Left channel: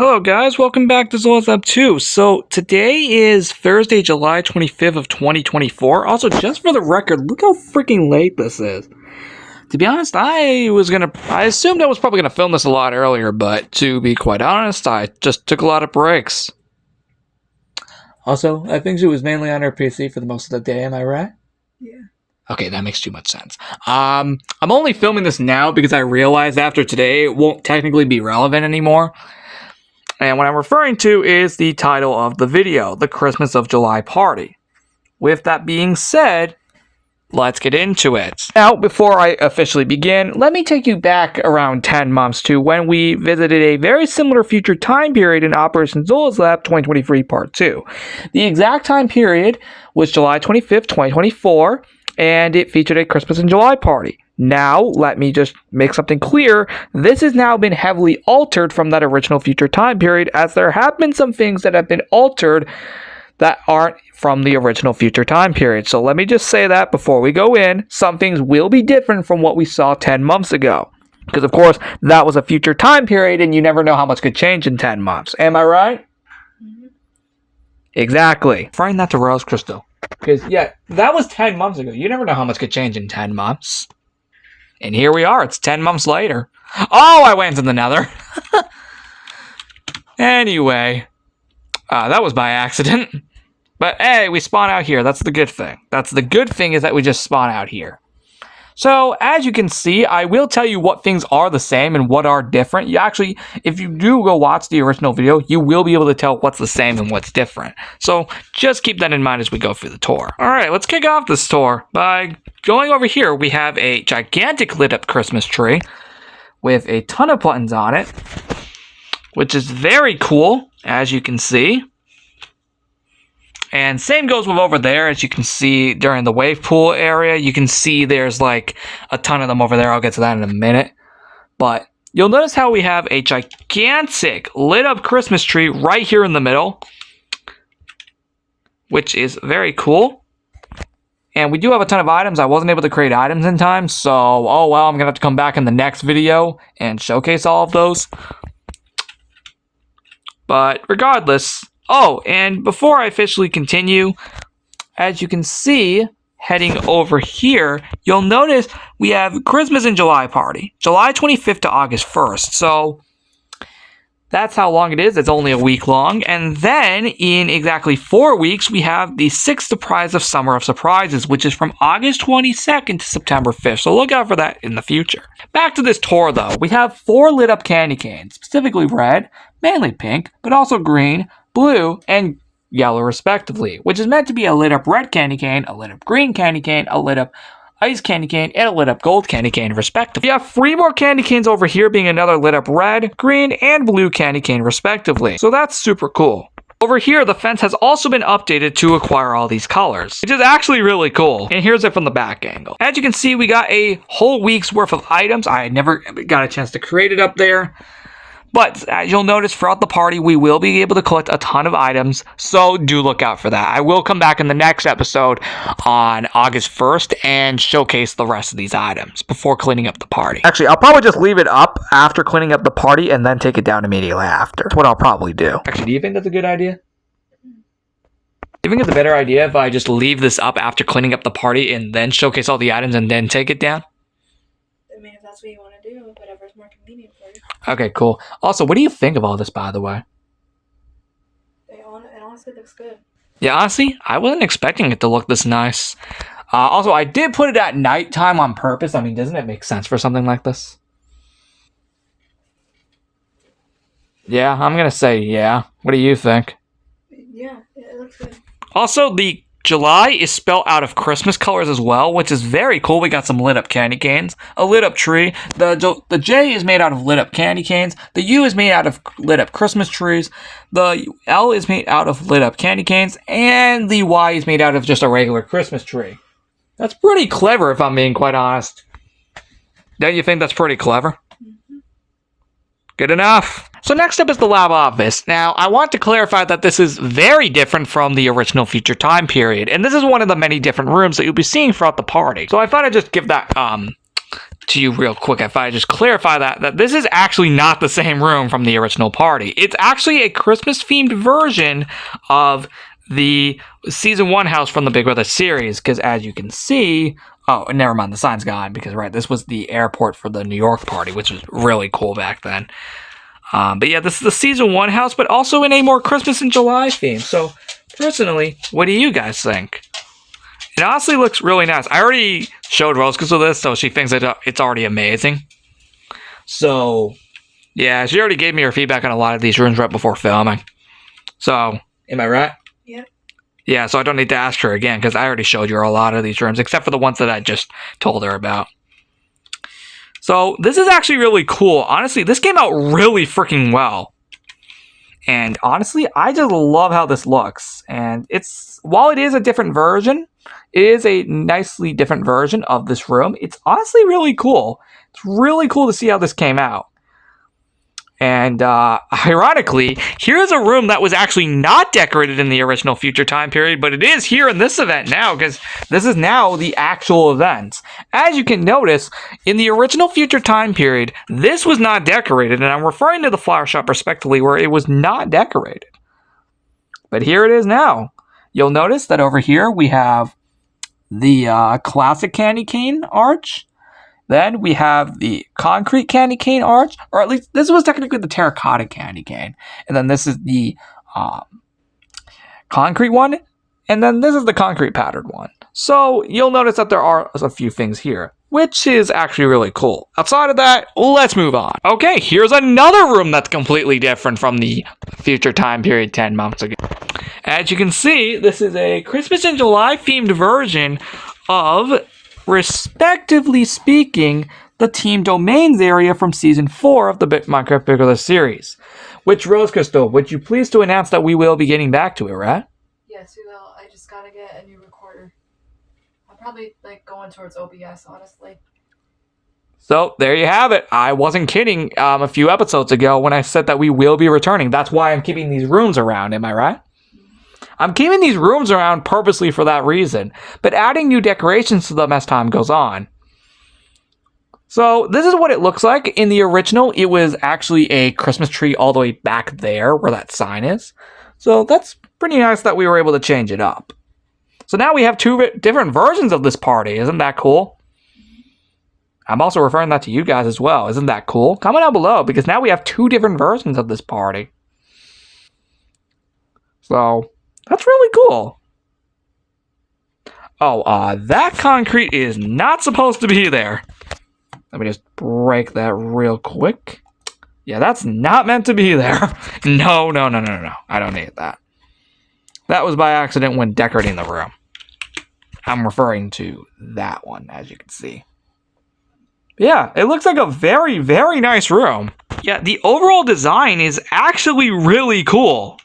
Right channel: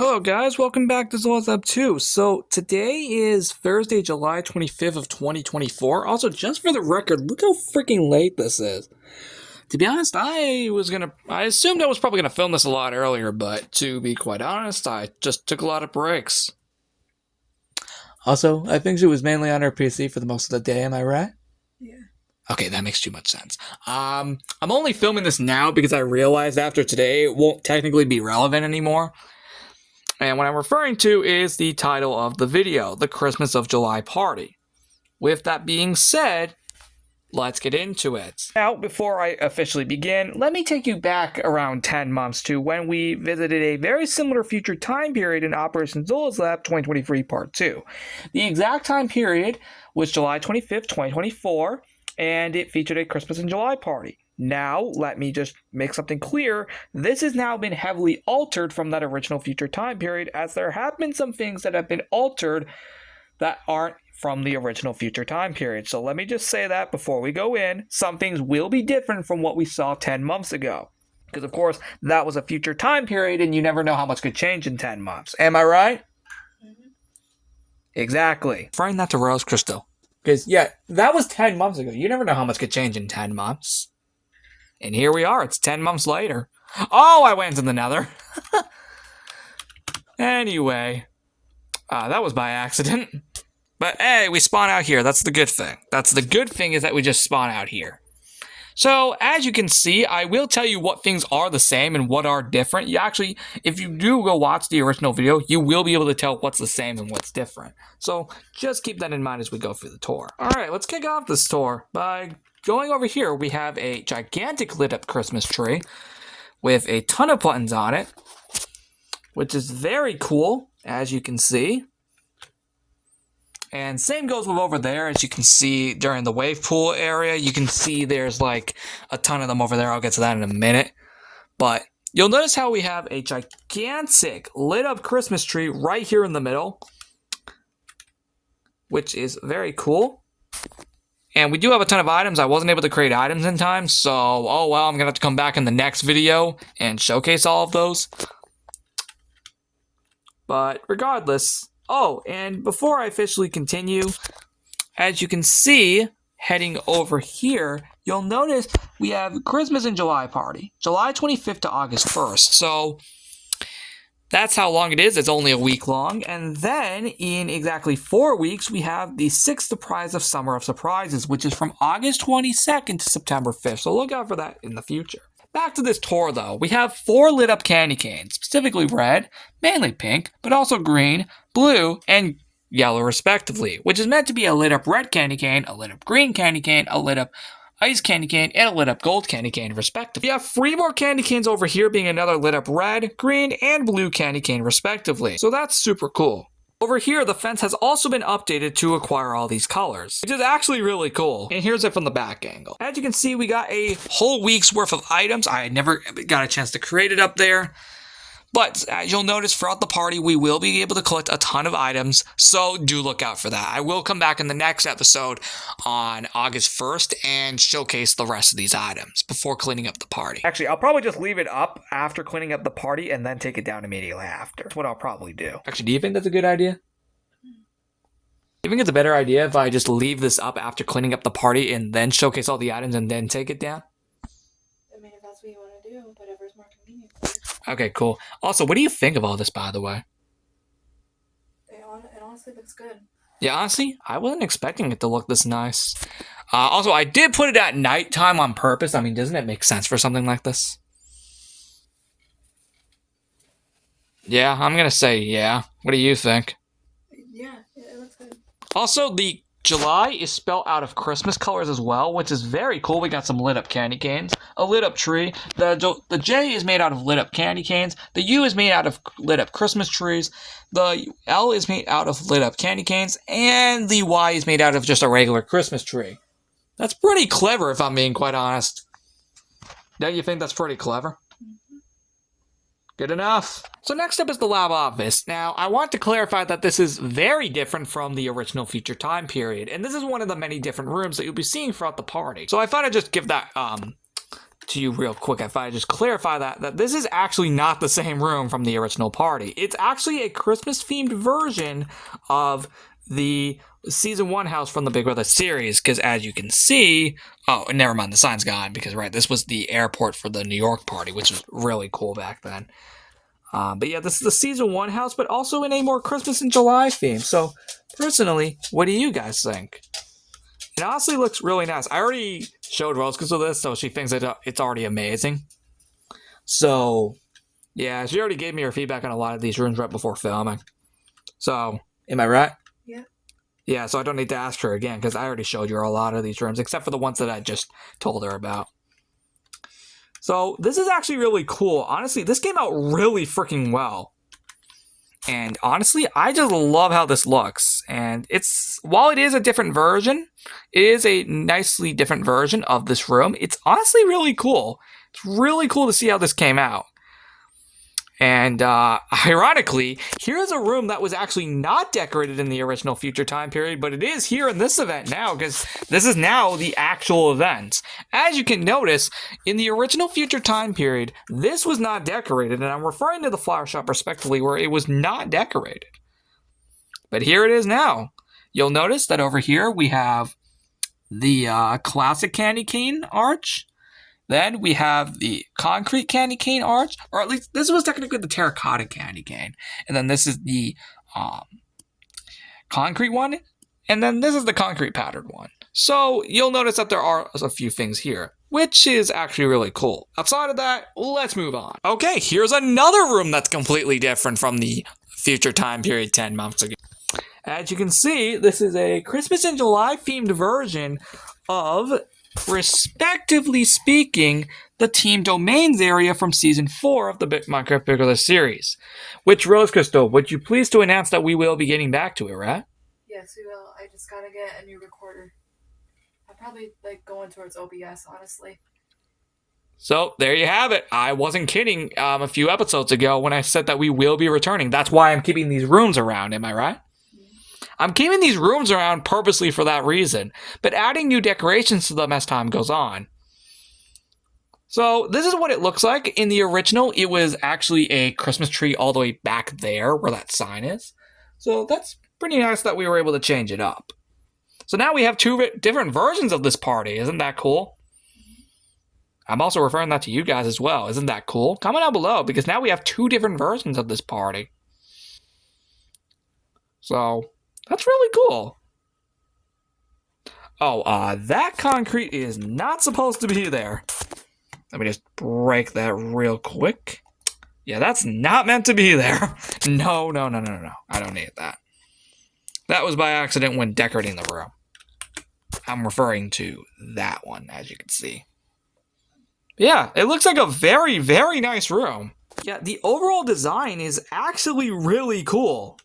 Hello guys, welcome back to Zola's Lab 2. So today is Thursday, July 25th of 2024. Also, just for the record, look how freaking late this is. To be honest, I assumed I was probably gonna film this a lot earlier, but to be quite honest, I just took a lot of breaks. Also, I think she was mainly on her PC for the most of the day, am I right? Yeah. Okay, that makes too much sense. I'm only filming this now because I realized after today it won't technically be relevant anymore. And what I'm referring to is the title of the video, The Christmas of July Party. With that being said, let's get into it. Now, before I officially begin, let me take you back around 10 months to when we visited a very similar future time period in Operation Zola's Lab 2023 Part 2. The exact time period was July 25th, 2024, and it featured a Christmas in July party. Now, let me just make something clear. This has now been heavily altered from that original future time period, as there have been some things that have been altered that aren't from the original future time period. So let me just say that before we go in. Some things will be different from what we saw 10 months ago. Because, of course, that was a future time period, and you never know how much could change in 10 months. Am I right? Mm-hmm. Exactly. Referring that to Rose Crystal. Because, yeah, that was 10 months ago. You never know how much could change in 10 months. And here we are, it's 10 months later. Oh, I went to the nether. Anyway, that was by accident. But hey, we spawn out here, that's the good thing. That's the good thing is that we just spawn out here. So, as you can see, I will tell you what things are the same and what are different. You actually, if you do go watch the original video, you will be able to tell what's the same and what's different. So, just keep that in mind as we go through the tour. Alright, let's kick off this tour by going over here. We have a gigantic lit up Christmas tree with a ton of buttons on it, which is very cool, as you can see. And same goes with over there, as you can see during the wave pool area. You can see there's like a ton of them over there. I'll get to that in a minute. But you'll notice how we have a gigantic lit up Christmas tree right here in the middle, which is very cool. And we do have a ton of items. I wasn't able to create items in time, so oh well, I'm going to have to come back in the next video and showcase all of those. But regardless... Oh, and before I officially continue, as you can see, heading over here, you'll notice we have Christmas in July party, July 25th to August 1st. So that's how long it is. It's only a week long. And then in exactly 4 weeks, we have the 6th surprise of Summer of Surprises, which is from August 22nd to September 5th. So look out for that in the future. Back to this tour, though. We have 4 lit up candy canes, specifically red, mainly pink, but also green, blue, and yellow respectively, which is meant to be a lit up red candy cane, a lit up green candy cane, a lit up ice candy cane, and a lit up gold candy cane respectively. We have 3 more candy canes over here, being another lit up red, green, and blue candy cane respectively. So that's super cool. Over here, the fence has also been updated to acquire all these colors, which is actually really cool. And here's it from the back angle. As you can see, we got a whole week's worth of items. I never got a chance to create it up there. But as you'll notice throughout the party, we will be able to collect a ton of items, so do look out for that. I will come back in the next episode on August 1st and showcase the rest of these items before cleaning up the party. Actually, I'll probably just leave it up after cleaning up the party and then take it down immediately after. That's what I'll probably do. Actually, do you think that's a good idea? Do you think it's a better idea if I just leave this up after cleaning up the party and then showcase all the items and then take it down? I mean, if that's what you want to do, whatever's more convenient for you. Okay, cool. Also, what do you think of all this, by the way? It honestly looks good. Yeah, honestly, I wasn't expecting it to look this nice. Also, I did put it at nighttime on purpose. I mean, doesn't it make sense for something like this? Yeah, I'm gonna say yeah. What do you think? Yeah, it looks good. Also, the July is spelled out of Christmas colors as well, which is very cool. We got some lit up candy canes, a lit up tree. The J is made out of lit up candy canes. The U is made out of lit up Christmas trees. The L is made out of lit up candy canes. And the Y is made out of just a regular Christmas tree. That's pretty clever, if I'm being quite honest. Don't you think that's pretty clever? Good enough. So next up is the lab office. Now, I want to clarify that this is very different from the original future time period, and this is one of the many different rooms that you'll be seeing throughout the party. So I thought I'd just give that to you real quick if I just clarify that this is actually not the same room from the original party. It's actually a Christmas-themed version of the Season 1 house from the Big Brother series, because as you can see... Oh, never mind, the sign's gone, because, right, this was the airport for the New York party, which was really cool back then. But yeah, this is the Season 1 house, but also in a more Christmas in July theme. So, personally, what do you guys think? It honestly looks really nice. I already showed Rose with this, so she thinks that it's already amazing. So, yeah, she already gave me her feedback on a lot of these rooms right before filming. So, am I right? Yep. Yeah, so I don't need to ask her again, because I already showed you a lot of these rooms, except for the ones that I just told her about. So, this is actually really cool. Honestly, this came out really freaking well. And honestly, I just love how this looks. And while it is a different version, it is a nicely different version of this room. It's honestly really cool. It's really cool to see how this came out. And ironically, here's a room that was actually not decorated in the original Future Time period, but it is here in this event now, because this is now the actual event. As you can notice, in the original Future Time period, this was not decorated, and I'm referring to the flower shop respectively, where it was not decorated. But here it is now. You'll notice that over here we have the classic candy cane arch. Then we have the concrete candy cane arch, or at least this was technically the terracotta candy cane. And then this is the concrete one, and then this is the concrete patterned one. So you'll notice that there are a few things here, which is actually really cool. Outside of that, let's move on. Okay, here's another room that's completely different from the Future Time period 10 months ago. As you can see, this is a Christmas in July themed version of, respectively speaking, the Team Domains area from Season 4 of the Minecraft Big Brother series. Which, Rose Crystal, would you please to announce that we will be getting back to it, right? Yes, we will. I just gotta get a new recorder. I'm probably going towards OBS, honestly. So, there you have it. I wasn't kidding a few episodes ago when I said that we will be returning. That's why I'm keeping these rooms around, am I right? I'm keeping these rooms around purposely for that reason, but adding new decorations to them as time goes on. So this is what it looks like. In the original, it was actually a Christmas tree all the way back there where that sign is. So that's pretty nice that we were able to change it up. So now we have two different versions of this party. Isn't that cool? I'm also referring that to you guys as well. Isn't that cool? Comment down below, because now we have two different versions of this party. So that's really cool. Oh, that concrete is not supposed to be there. Let me just break that real quick. Yeah, that's not meant to be there. No. I don't need that. That was by accident when decorating the room. I'm referring to that one, as you can see. Yeah, it looks like a very, very nice room. Yeah, the overall design is actually really cool.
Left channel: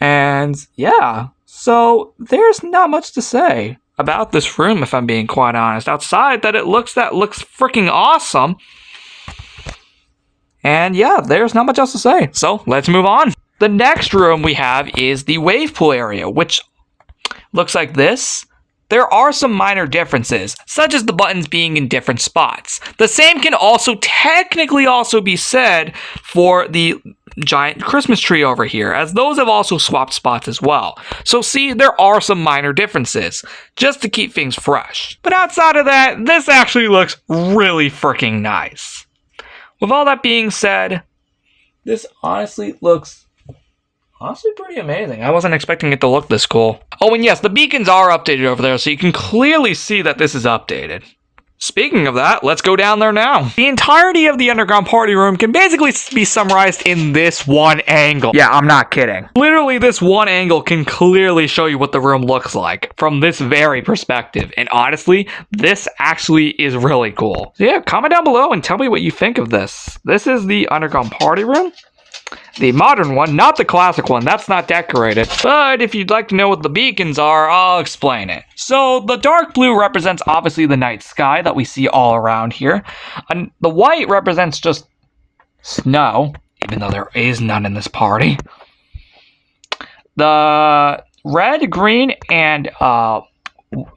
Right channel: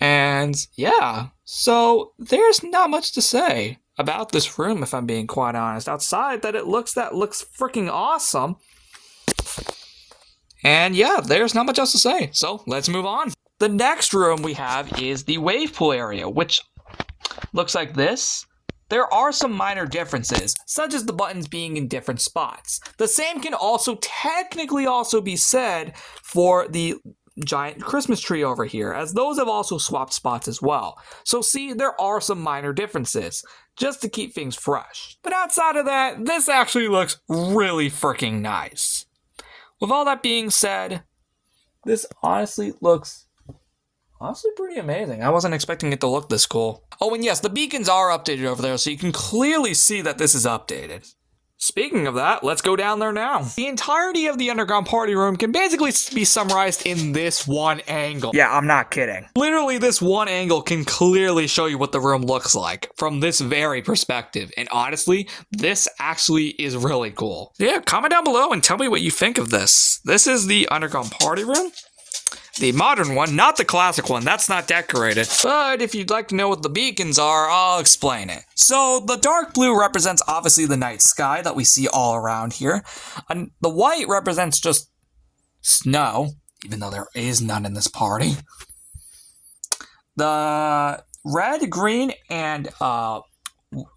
And yeah, so there's not much to say about this room, if I'm being quite honest, outside that it looks freaking awesome. And yeah, there's not much else to say. So let's move on. The next room we have is the wave pool area, which looks like this. There are some minor differences, such as the buttons being in different spots. The same can also technically also be said for the giant Christmas tree over here, as those have also swapped spots as well. So see, there are some minor differences, just to keep things fresh. But outside of that, this actually looks really freaking nice. With all that being said, this honestly looks pretty amazing. I wasn't expecting it to look this cool. Oh, and yes, the beacons are updated over there, so you can clearly see that this is updated. Speaking of that, let's go down there now. The entirety of the underground party room can basically be summarized in this one angle. Yeah, I'm not kidding. Literally, this one angle can clearly show you what the room looks like from this very perspective. And honestly, this actually is really cool. Yeah, comment down below and tell me what you think of this. This is the underground party room. The modern one, not the classic one, that's not decorated. But if you'd like to know what the beacons are, I'll explain it. So the dark blue represents obviously the night sky that we see all around here. And the white represents just snow, even though there is none in this party. The red, green, and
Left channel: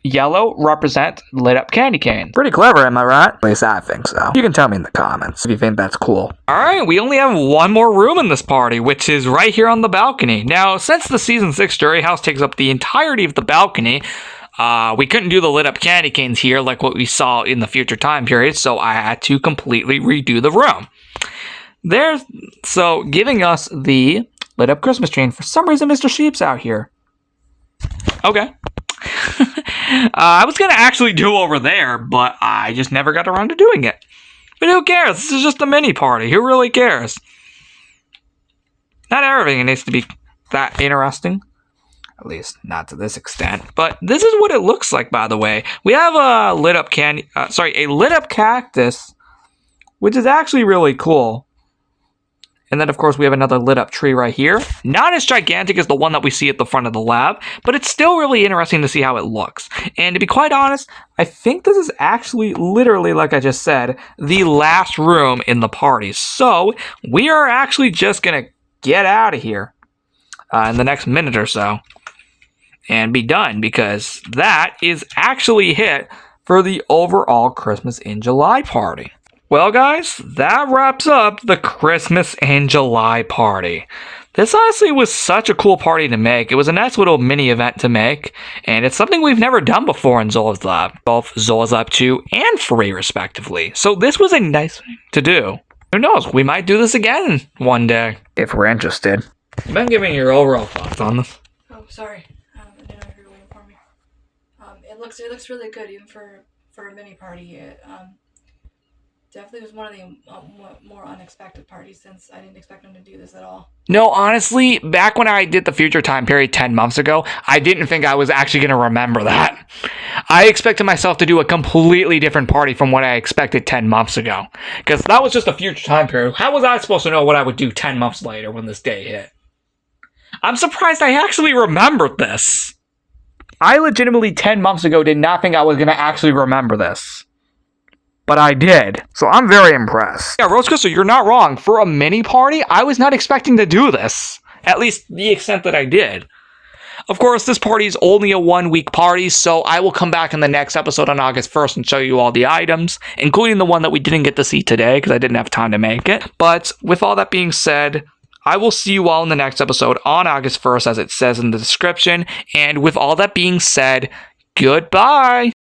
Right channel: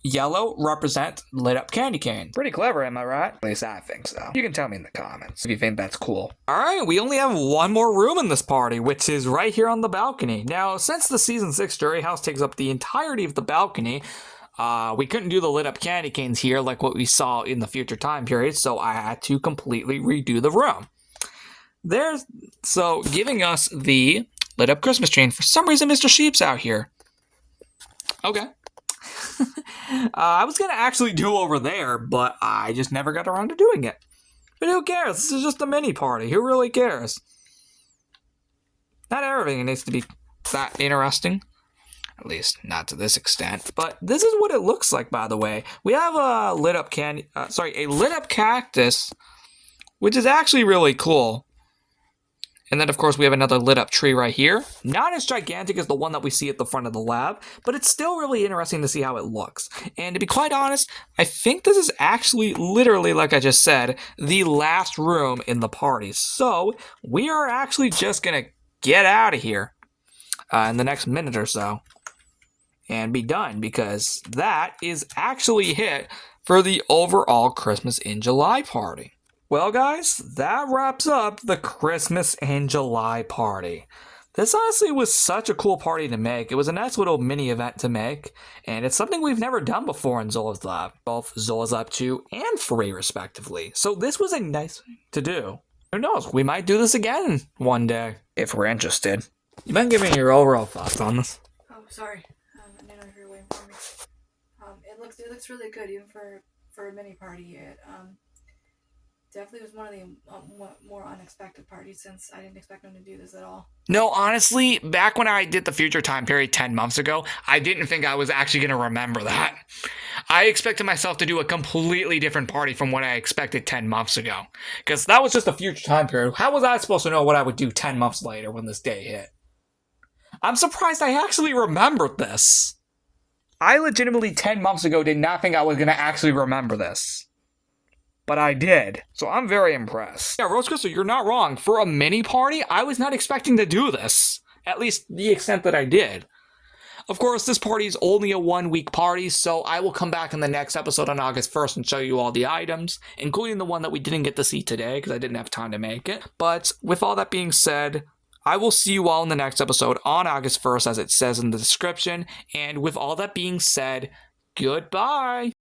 yellow represent lit up candy cane. Pretty clever, am I right? At least I think so. You can tell me in the comments if you think that's cool. Alright, we only have one more room in this party, which is right here on the balcony. Now, since the Season 6 Jury House takes up the entirety of the balcony, we couldn't do the lit up candy canes here like what we saw in the future time period, so I had to completely redo the room. So giving us the lit up Christmas tree, and for some reason Mr. Sheep's out here. Okay. I was going to actually do over there, but I just never got around to doing it. But who cares? This is just a mini party. Who really cares? Not everything needs to be that interesting. At least not to this extent. But this is what it looks like, by the way. We have a lit up a lit up cactus, which is actually really cool. And then, of course, we have another lit up tree right here. Not as gigantic as the one that we see at the front of the lab, but it's still really interesting to see how it looks. And to be quite honest, I think this is actually literally, like I just said, the last room in the party. So we are actually just going to get out of here in the next minute or so and be done, because that is actually it for the overall Christmas in July party. Well, guys, that wraps up the Christmas in July party. This honestly was such a cool party to make. It was a nice little mini event to make, and it's something we've never done before in Zola's Lab, both Zola's Lab 2 and 3 respectively. So this was a nice thing to do. Who knows, we might do this again one day, if we're interested. You've been giving your overall thoughts on this. Oh, sorry. I didn't know you were waiting for me. It looks really good, even for a mini party. It definitely was one of the more unexpected parties, since I didn't expect them to do this at all. No, honestly, back when I did the future time period 10 months ago, I didn't think I was actually going to remember that. I expected myself to do a completely different party from what I expected 10 months ago. Because that was just a future time period. How was I supposed to know what I would do 10 months later when this day hit? I'm surprised I actually remembered this. I legitimately 10 months ago did not think I was going to actually remember this. But I did. So I'm very impressed. Yeah, Rose Crystal, you're not wrong. For a mini party, I was not expecting to do this. At least the extent that I did. Of course, this party is only a 1-week party, so I will come back in the next episode on August 1st and show you all the items, including the one that we didn't get to see today because I didn't have time to make it. But with all that being said, I will see you all in the next episode on August 1st, as it says in the description. And with all that being said, goodbye.